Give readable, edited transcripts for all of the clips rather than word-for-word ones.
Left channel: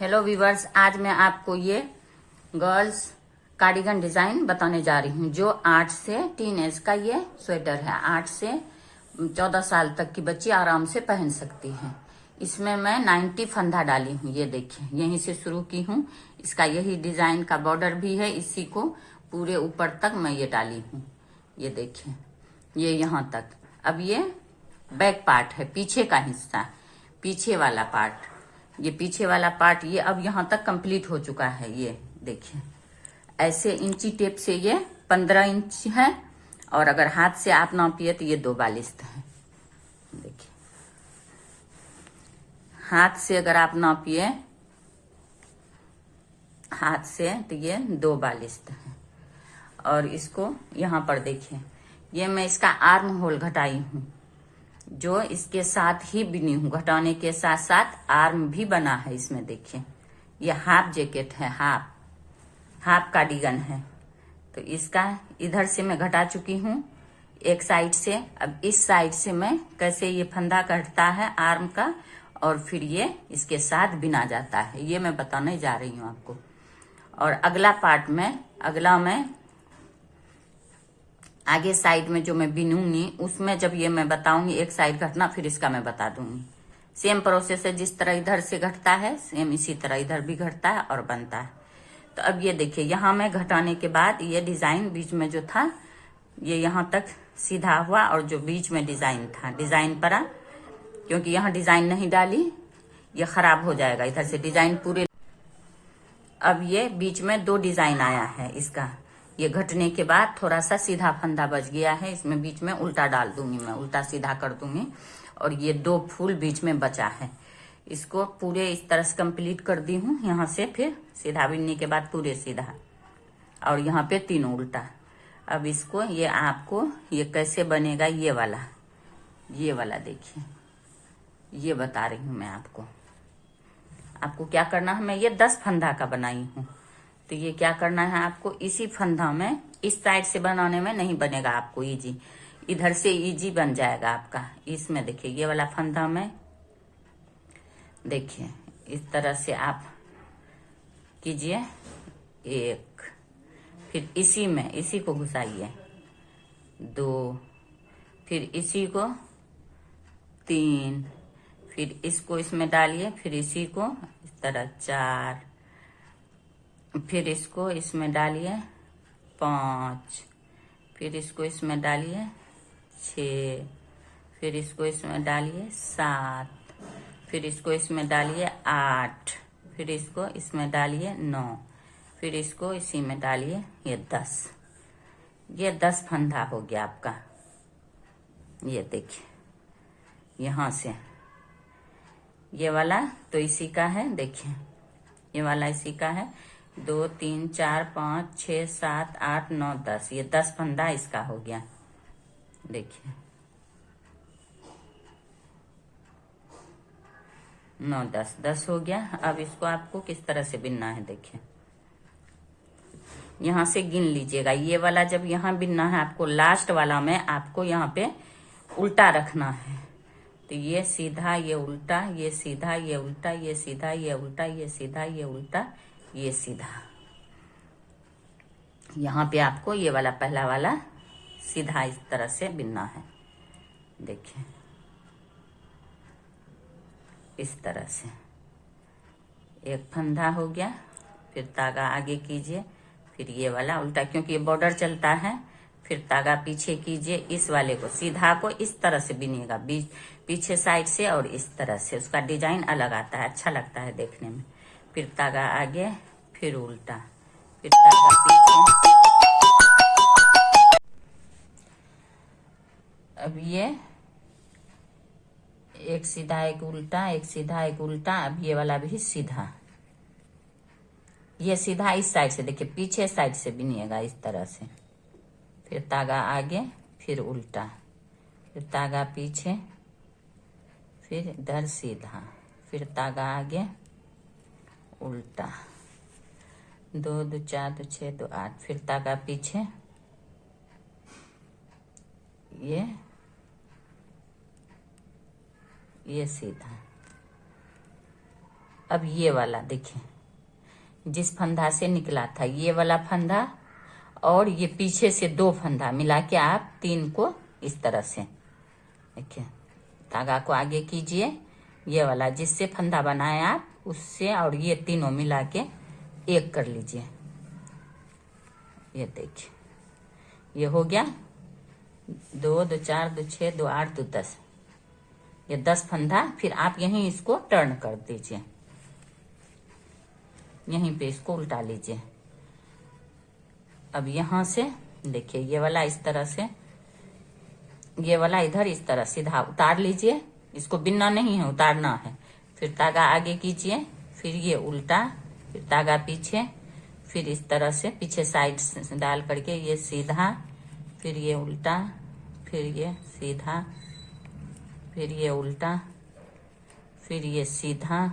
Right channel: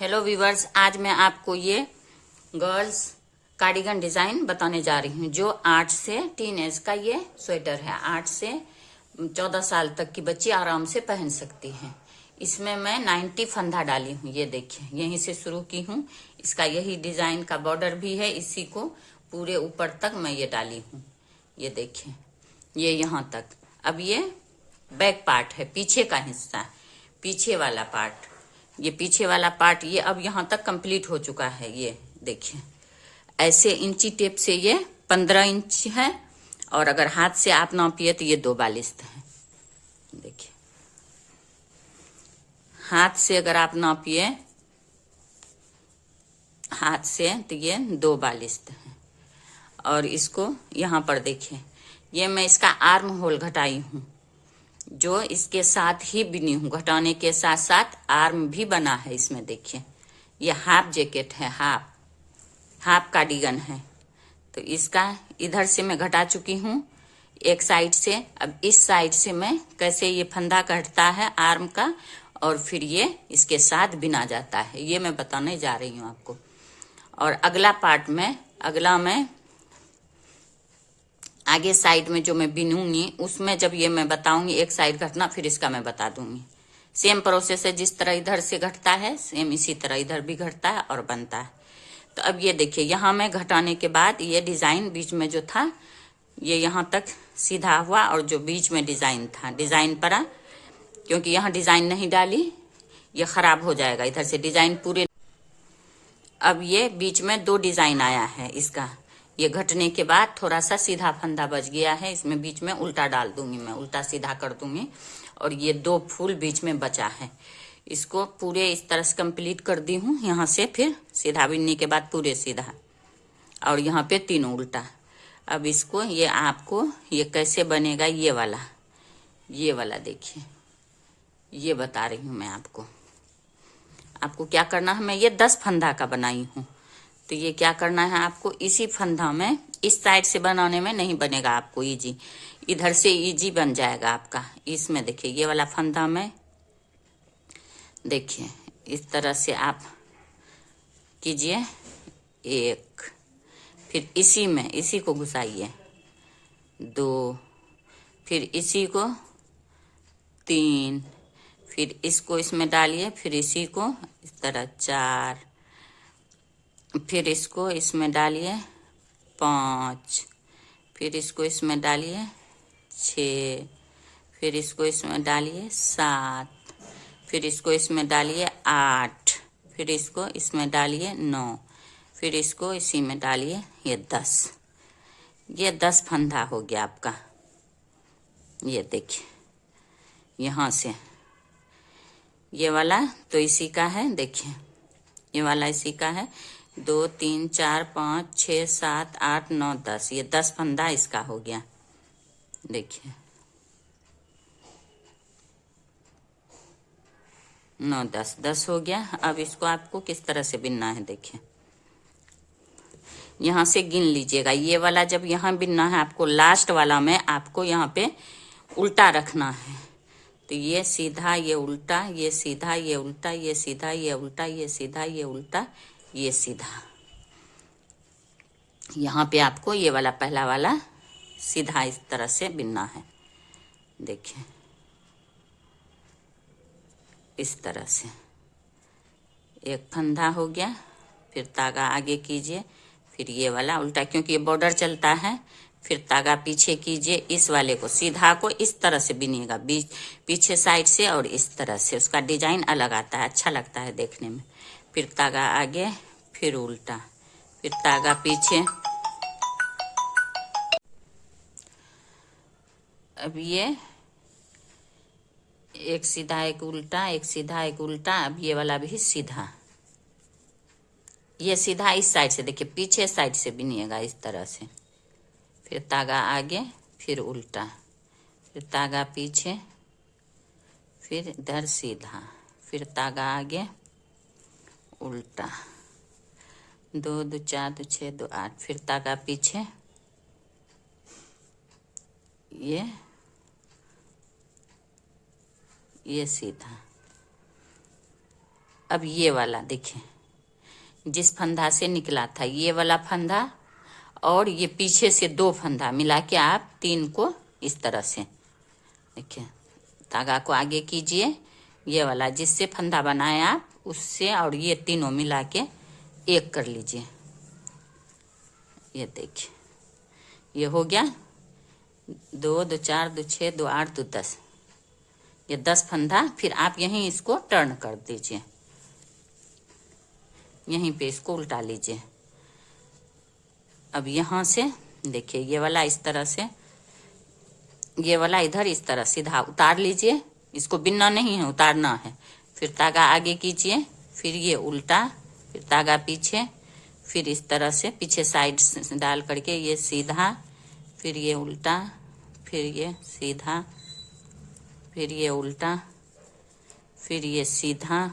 Hello viewers, आज मैं आपको ये गर्ल्स कार्डिगन डिजाइन बताने जा रही हूँ जो 8 से टीन एज का ये स्वेटर है। 8 से 14 साल तक की बच्ची आराम से पहन सकती है। इसमें मैं 90 फंदा डाली हूँ। ये देखिए, यहीं से शुरू की हूँ। इसका यही डिजाइन का बॉर्डर भी है, इसी को पूरे ऊपर तक मैं ये डाली हूँ। ये देखिए, ये यहाँ तक। अब ये बैक पार्ट है, पीछे का हिस्सा, पीछे वाला पार्ट। ये पीछे वाला पार्ट ये अब यहाँ तक कंप्लीट हो चुका है। ये देखिए, ऐसे इंची टेप से ये 15 इंच है, और अगर हाथ से आप नापिए तो ये 2 बालिस्त है। देखिए, हाथ से अगर आप नापिए हाथ से तो ये 2 बालिस्त है। और इसको यहाँ पर देखिए, ये मैं इसका आर्म होल घटाई हूँ, जो इसके साथ ही बिनी हूँ। घटाने के साथ साथ आर्म भी बना है इसमें। देखिए, ये हाफ जैकेट है, हाफ कार्डिगन है। तो इसका इधर से मैं घटा चुकी हूँ एक साइड से। अब इस साइड से मैं कैसे ये फंदा कटता है आर्म का, और फिर ये इसके साथ बिना जाता है, ये मैं बताने जा रही हूँ आपको। और अगला पार्ट में, अगला मैं आगे साइड में जो मैं बिनूंगी उसमें जब ये मैं बताऊंगी, एक साइड घटना फिर इसका मैं बता दूंगी। सेम प्रोसेस है, जिस तरह इधर से घटता है सेम इसी तरह इधर भी घटता है और बनता है। तो अब ये देखिए, यहाँ मैं घटाने के बाद ये डिजाइन बीच में जो था ये यहाँ तक सीधा हुआ, और जो बीच में डिजाइन था डिजाइन पड़ा, क्योंकि यहाँ डिजाइन नहीं डाली ये खराब हो जाएगा इधर से डिजाइन पूरे। अब ये बीच में 2 डिजाइन आया है इसका। ये घटने के बाद थोड़ा सा सीधा फंदा बच गया है, इसमें बीच में उल्टा डाल दूंगी मैं, उल्टा सीधा कर दूंगी। और ये 2 फूल बीच में बचा है, इसको पूरे इस तरह से कंप्लीट कर दी हूँ। यहाँ से फिर सीधा बिनने के बाद पूरे सीधा, और यहाँ पे 3 उल्टा। अब इसको ये आपको ये कैसे बनेगा, ये वाला देखिए, ये बता रही हूँ मैं आपको। आपको क्या करना है, मैं ये 10 फंदा का बनाई हूँ। तो ये क्या करना है आपको, इसी फंदा में, इस साइड से बनाने में नहीं बनेगा आपको इजी, इधर से इजी बन जाएगा आपका। इसमें देखिए, ये वाला फंदा में देखिए इस तरह से आप कीजिए 1, फिर इसी में इसी को घुसाइए 2, फिर इसी को 3, फिर इसको इसमें डालिए, फिर इसी को इस तरह 4, फिर इसको इसमें डालिए 5, फिर इसको इसमें डालिए 6, फिर इसको इसमें डालिए 7, फिर इसको इसमें डालिए 8, फिर इसको इसमें डालिए 9, फिर इसको इसी में डालिए ये 10। ये 10 फंदा हो गया आपका। ये देखिए, यहाँ से ये वाला तो इसी का है। देखिए, ये वाला इसी का है। 2 3 4 5 6 7 8 9 10, ये 10 फंदा इसका हो गया। देखिए 9 10 10 हो गया। अब इसको आपको किस तरह से बिनना है, देखिए यहाँ से गिन लीजिएगा। ये वाला जब यहाँ बिनना है आपको, लास्ट वाला में आपको यहाँ पे उल्टा रखना है। तो ये सीधा, ये उल्टा, ये सीधा, ये उल्टा, ये सीधा, ये उल्टा, ये सीधा, ये उल्टा, ये सीधा। यहाँ पे आपको ये वाला पहला वाला सीधा इस तरह से बिनना है। देखिए इस तरह से एक फंदा हो गया, फिर तागा आगे कीजिए, फिर ये वाला उल्टा, क्योंकि ये बॉर्डर चलता है। फिर तागा पीछे कीजिए, इस वाले को सीधा को इस तरह से बिनिएगा, बीच पीछे साइड से, और इस तरह से उसका डिजाइन अलग आता है, अच्छा लगता है देखने में। फिर तागा आगे, फिर उल्टा, फिर तागा पीछे। अब ये एक सीधा एक उल्टा, एक सीधा एक उल्टा। अब ये वाला भी सीधा, ये सीधा इस साइड से, देखिए पीछे साइड से बिनिएगा इस तरह से। फिर तागा आगे, फिर उल्टा, फिर तागा पीछे, फिर इधर सीधा, फिर तागा आगे, उल्टा। 2 2 4 2 6 2 8, फिर तागा पीछे, ये सीधा, अब ये वाला देखिए, जिस फंदा से निकला था ये वाला फंदा और ये पीछे से 2 फंदा मिला के आप 3 को इस तरह से देखिए, धागा को आगे कीजिए, ये वाला जिससे फंदा बनाए आप उससे और ये तीनों मिला के एक कर लीजिए। ये देखिए, ये हो गया 2 2 4 2 6 2 8 2 10, ये 10 फंदा। फिर आप यहीं इसको टर्न कर दीजिए, यहीं पे इसको उल्टा लीजिए। अब यहाँ से देखिए, ये वाला इस तरह से, ये वाला इधर इस तरह सीधा उतार लीजिए, इसको बिनना नहीं है, उतारना है। फिर धागा आगे कीजिए, फिर ये उल्टा, फिर धागा पीछे, फिर इस तरह से पीछे साइड से डाल करके ये सीधा, फिर ये उल्टा, फिर ये सीधा, फिर ये उल्टा, फिर ये सीधा,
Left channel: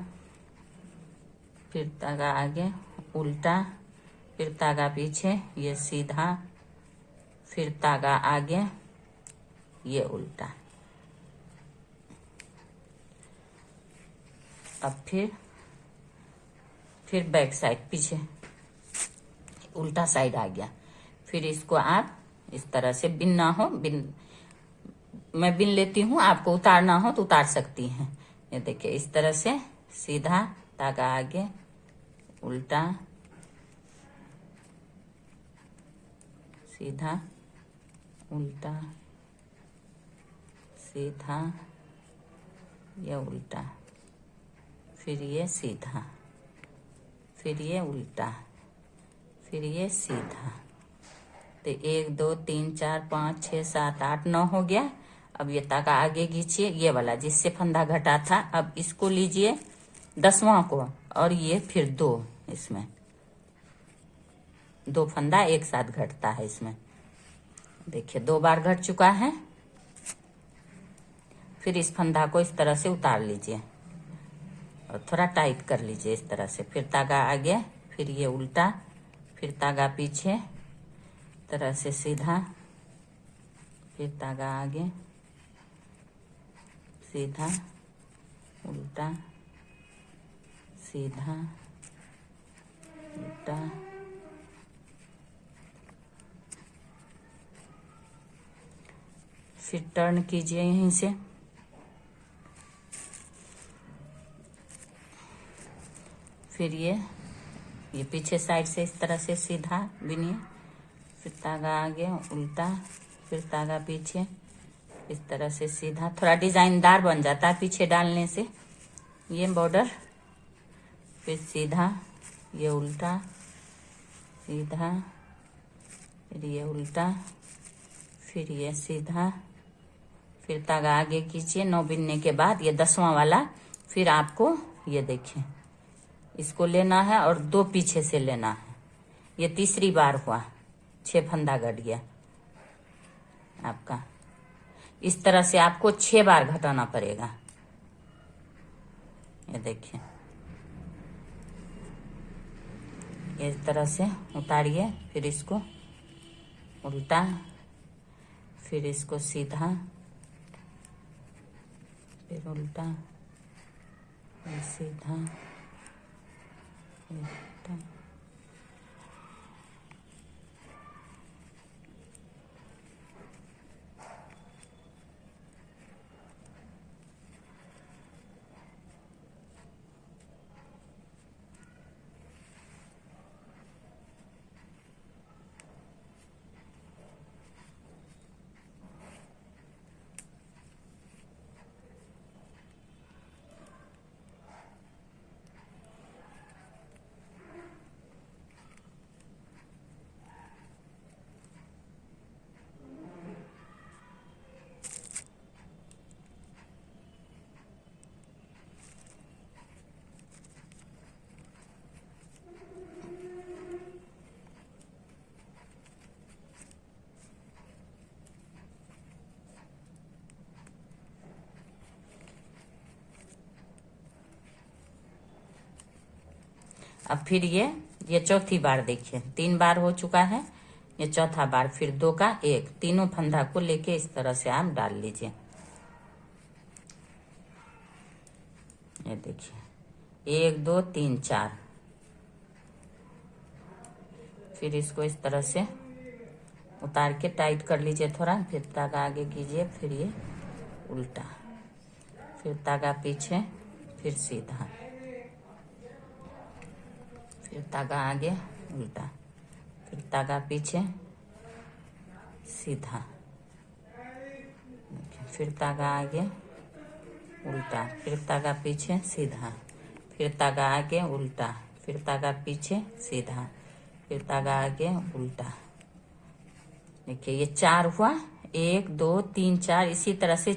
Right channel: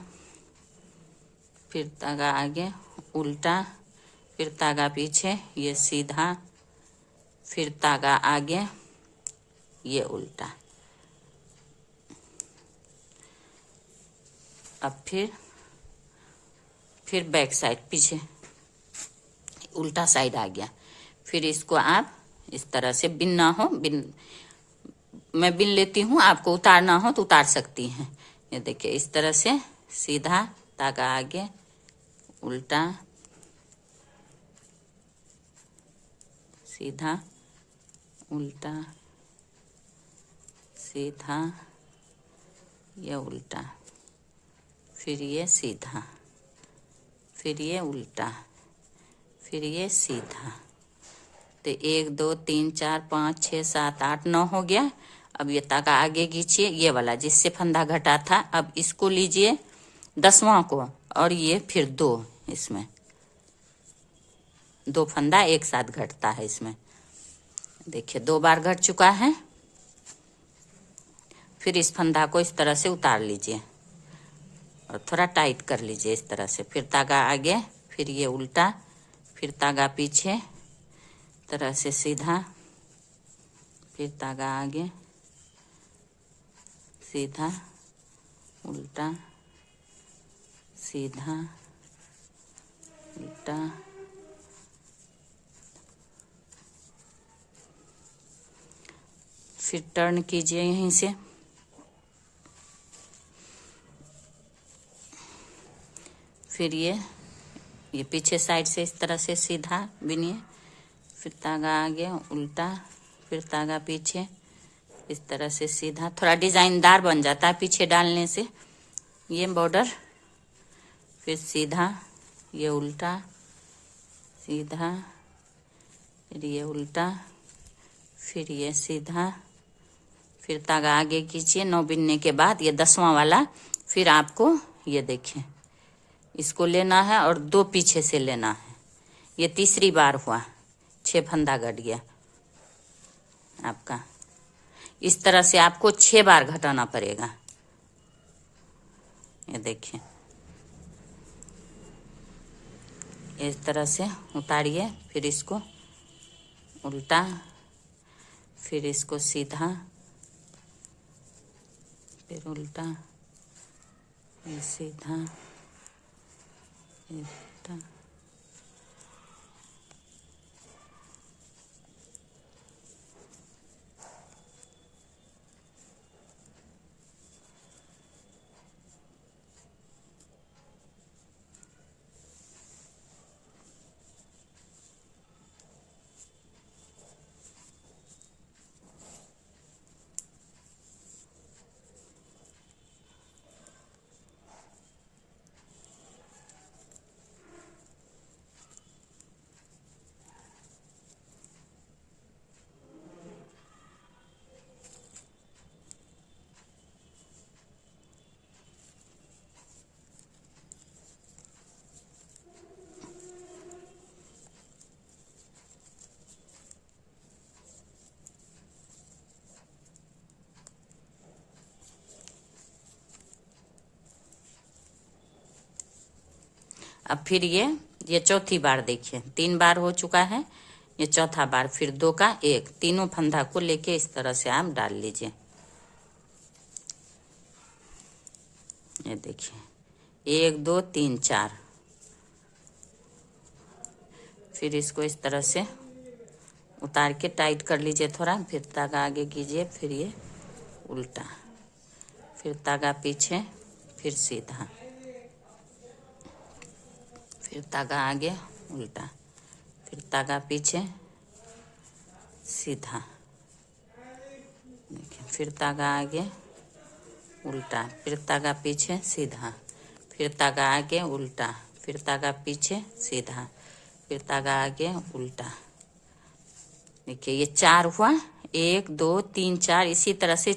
फिर धागा आगे उल्टा, फिर धागा पीछे, ये सीधा, फिर धागा आगे, ये उल्टा। अब फिर बैक साइड पीछे उल्टा साइड आ गया। फिर इसको आप इस तरह से बिनना हो, मैं बिन लेती हूँ, आपको उतारना हो तो उतार सकती हैं। ये देखिए, इस तरह से सीधा, धागा आगे, उल्टा, सीधा, उल्टा, सीधा, ये उल्टा, फिर ये सीधा, फिर ये उल्टा, फिर ये सीधा। तो 1 2 3 4 5 6 7 8 9 हो गया। अब ये धागा आगे खींचिए, ये वाला जिससे फंदा घटा था, अब इसको लीजिए 10वां को, और ये फिर 2, इसमें 2 फंदा एक साथ घटता है इसमें। देखिए 2 बार घट चुका है। फिर इस फंदा को इस तरह से उतार लीजिए और थोड़ा टाइट कर लीजिए इस तरह से। फिर धागा आगे, फिर ये उल्टा, फिर धागा पीछे, तरह से सीधा, फिर धागा आगे, सीधा, उल्टा, सीधा, उल्टा, फिर टर्न कीजिए यहीं से। फिर ये पीछे साइड से इस तरह से सीधा बिनिए, फिर धागा आगे उल्टा, फिर धागा पीछे, इस तरह से सीधा। थोड़ा डिजाइनदार बन जाता है पीछे डालने से ये बॉर्डर। फिर सीधा, ये उल्टा, सीधा, फिर ये उल्टा, फिर ये सीधा, फिर धागा आगे खींचिए। 9 बिनने के बाद ये 10वां वाला, फिर आपको ये देखिए इसको लेना है और 2 पीछे से लेना है। ये तीसरी बार हुआ, 6 फंदा घट गया आपका। इस तरह से आपको 6 बार घटाना पड़ेगा। ये देखिए, इस तरह से उतारिए, फिर इसको उल्टा, फिर इसको सीधा, फिर उल्टा, फिर सीधा, उल्टा। अब फिर ये चौथी बार देखिए, 3 बार हो चुका है, ये चौथा बार। फिर 2 का 1, तीनों फंदा को लेके इस तरह से आप डाल लीजिए। ये देखिए 1 2 3 4। फिर इसको इस तरह से उतार के टाइट कर लीजिए थोड़ा, फिर धागा आगे कीजिए, फिर ये उल्टा, फिर धागा पीछे, फिर सीधा, फिर धागा आगे उल्टा, फिर धागा पीछे सीधा, फिर धागा आगे उल्टा, फिर धागा पीछे सीधा, फिर धागा आगे उल्टा, फिर धागा पीछे सीधा, फिर धागा आगे उल्टा। देखिए ये 4 हुआ, 1 2 3 4, इसी तरह से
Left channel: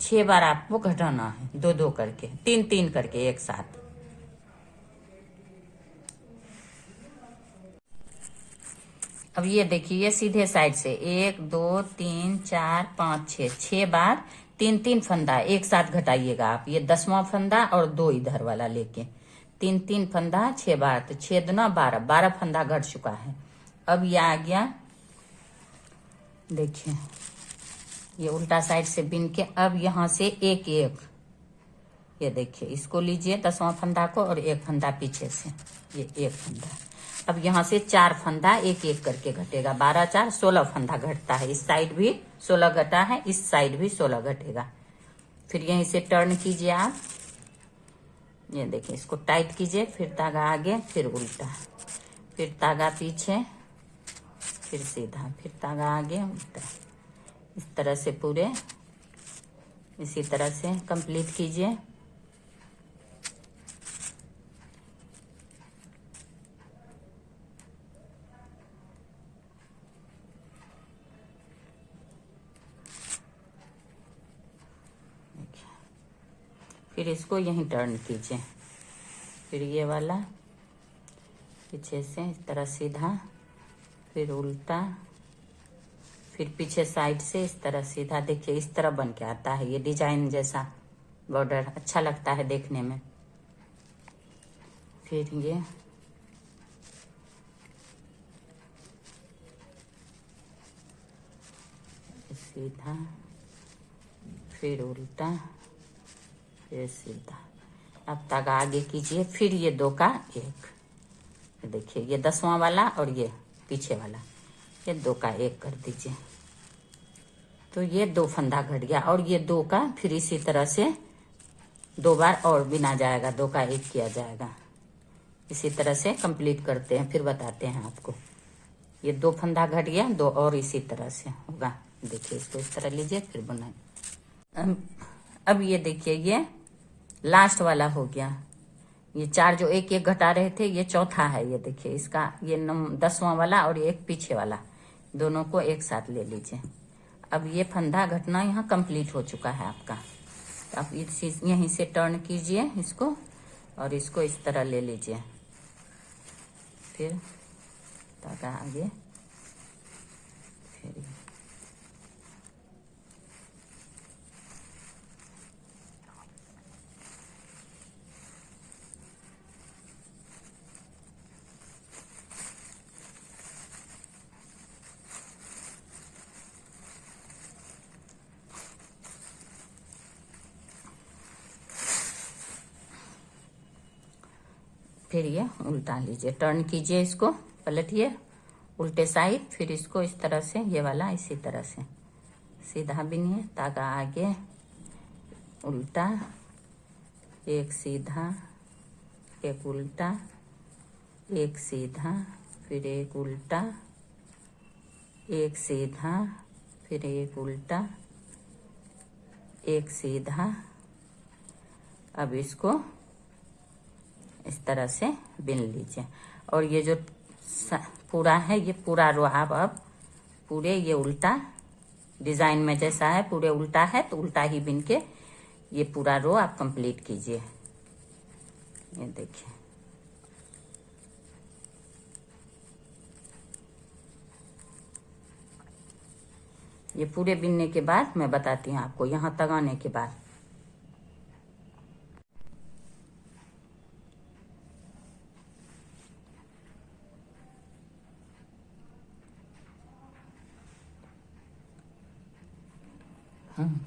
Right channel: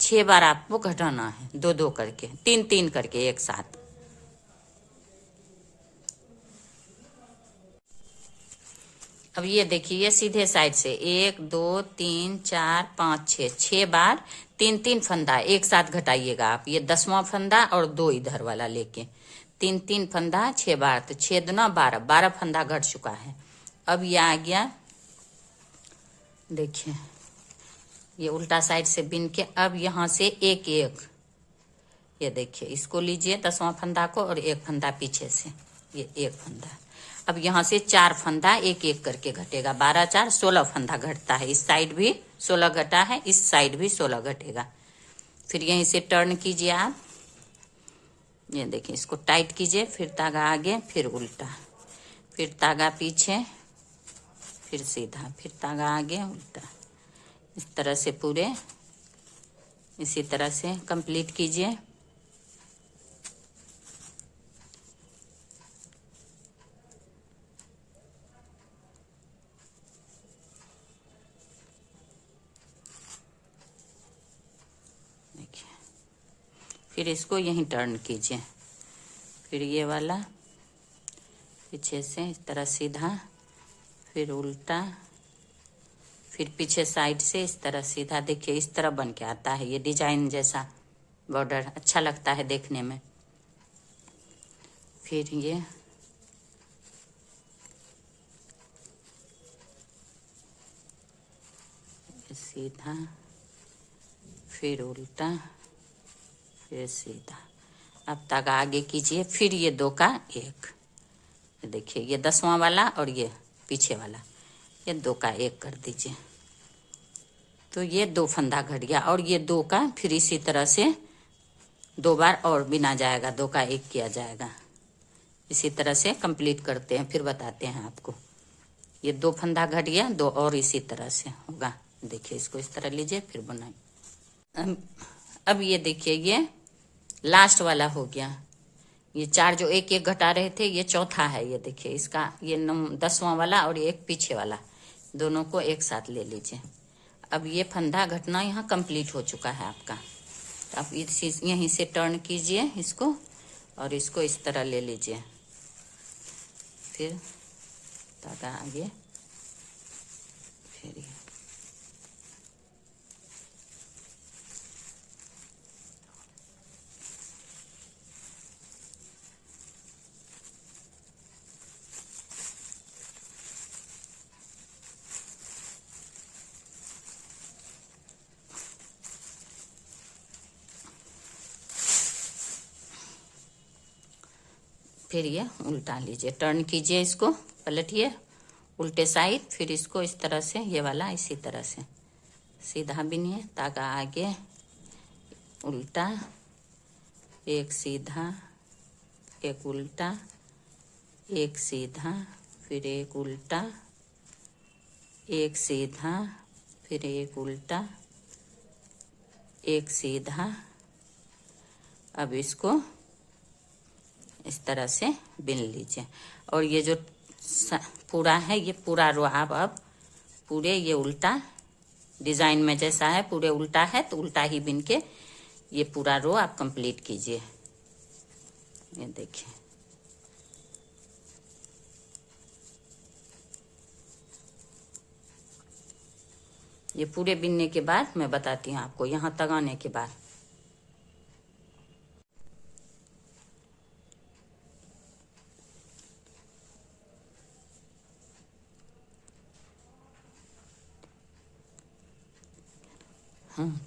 6 बार आपको घटाना है, 2 2 करके, 3 3 करके एक साथ। अब ये देखिए, ये सीधे साइड से 1 2 3 4 5 6 बार 3 3 फंदा एक साथ घटाइएगा आप। ये 10वां फंदा और 2 इधर वाला लेके 3 3 फंदा 6 बार, तो 6 दूना 12 फंदा घट चुका है। अब ये आ गया, देखिए ये उल्टा साइड से बिन के, अब यहाँ से एक एक, ये देखिए इसको लीजिए 10वां फंदा को, और एक फंदा पीछे से, ये एक फंदा। अब यहाँ से 4 फंदा एक एक करके घटेगा, 12 4 16 फंदा घटता है। इस साइड भी 16 घटा है, इस साइड भी 16 घटेगा। फिर यहीं से टर्न कीजिए आप, ये देखिए इसको टाइट कीजिए, फिर धागा आगे, फिर उल्टा, फिर धागा पीछे, फिर सीधा, फिर धागा आगे उल्टा। इस तरह से पूरे इसी तरह से कंप्लीट कीजिए। फिर इसको यहीं टर्न कीजिए, फिर ये वाला पीछे से इस तरह सीधा, फिर उल्टा, फिर पीछे साइड से इस तरह सीधा। देखिए इस तरह बन के आता है, ये डिजाइन जैसा बॉर्डर अच्छा लगता है देखने में। फिर ये सीधा, फिर उल्टा, फिर सीधा। अब धागा आगे कीजिए, फिर ये 2 का 1, देखिए ये 10वां वाला और ये पीछे वाला, ये 2 का 1 कर दीजिए, तो ये 2 फंदा घट गया। और ये 2 का फिर इसी तरह से 2 बार और बिना जाएगा, 2 का 1 किया जाएगा। इसी तरह से कंप्लीट करते हैं, फिर बताते हैं आपको। ये 2 फंदा घट गया, 2 और इसी तरह से होगा। देखिए इसको इस तरह लीजिए, फिर बना। अब ये देखिए ये लास्ट वाला हो गया। ये 4 जो एक एक घटा रहे थे, ये चौथा है। ये देखिए इसका ये 10वां वाला और एक पीछे वाला, दोनों को एक साथ ले लीजिए। अब ये फंदा घटना यहाँ कंप्लीट हो चुका है आपका। तो आप यहीं से टर्न कीजिए इसको, और इसको इस तरह ले लीजिए, फिर धागा आगे, फिर ये उल्टा लीजिए, टर्न कीजिए, इसको पलटिए उल्टे साइड, फिर इसको इस तरह से, ये वाला इसी तरह से सीधा बिनिए, धागा आगे उल्टा, एक सीधा, एक उल्टा, एक सीधा, फिर एक उल्टा, एक सीधा, फिर एक उल्टा, एक सीधा। अब इसको इस तरह से बिन लीजिए, और ये जो पूरा है, ये पूरा रो आप अब पूरे ये उल्टा डिजाइन में जैसा है, पूरे उल्टा है, तो उल्टा ही बिन के ये पूरा रो आप कंप्लीट कीजिए। ये देखिए ये पूरे बिनने के बाद मैं बताती हूँ आपको, यहाँ तक आने के बाद।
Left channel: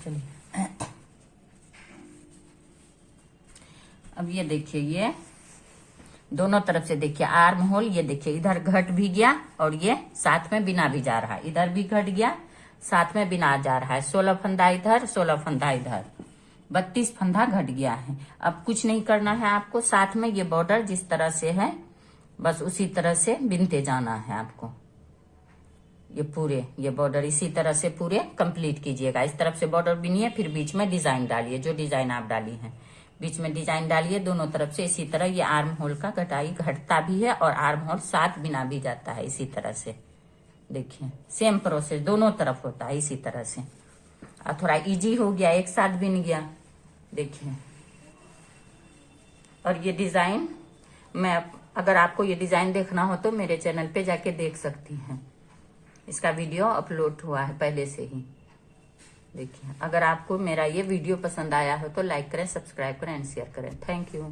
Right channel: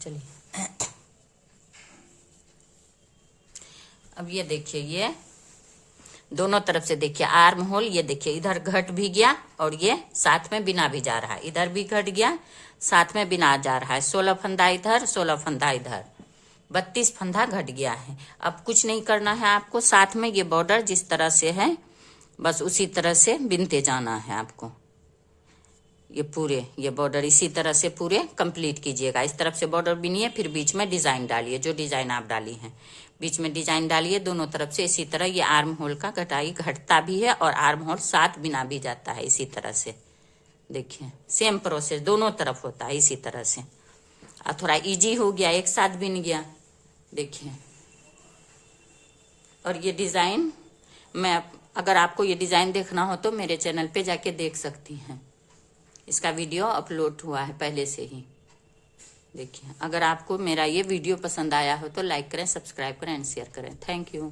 चलिए अब अब ये देखिए, ये दोनों तरफ से देखिए आर्म होल, ये देखिए इधर घट भी गया और ये साथ में बिना भी जा रहा है, इधर भी घट गया साथ में बिना जा रहा है। 16 फंदा इधर, 16 फंदा इधर, 32 फंदा घट गया है। अब कुछ नहीं करना है आपको, साथ में ये बॉर्डर जिस तरह से है बस उसी तरह से बिनते जाना है आपको। ये पूरे ये बॉर्डर इसी तरह से पूरे कंप्लीट कीजिएगा। इस तरफ से बॉर्डर बिनिए, फिर बीच में डिजाइन डालिए, जो डिजाइन आप डाली हैं बीच में डिजाइन डालिए दोनों तरफ से। इसी तरह ये आर्म होल का कटाई घटता भी है और आर्म होल साथ बिना भी जाता है इसी तरह से। देखिए सेम प्रोसेस दोनों तरफ होता है इसी तरह से। और थोड़ा इजी हो गया, एक साथ बिन गया। देखिए, और ये डिजाइन मैं, अगर आपको ये डिजाइन देखना हो तो मेरे चैनल पे जाके देख सकती हैं, इसका वीडियो अपलोड हुआ है पहले से ही। देखिए, अगर आपको मेरा ये वीडियो पसंद आया हो तो लाइक करें, सब्सक्राइब करें एंड शेयर करें। Thank you.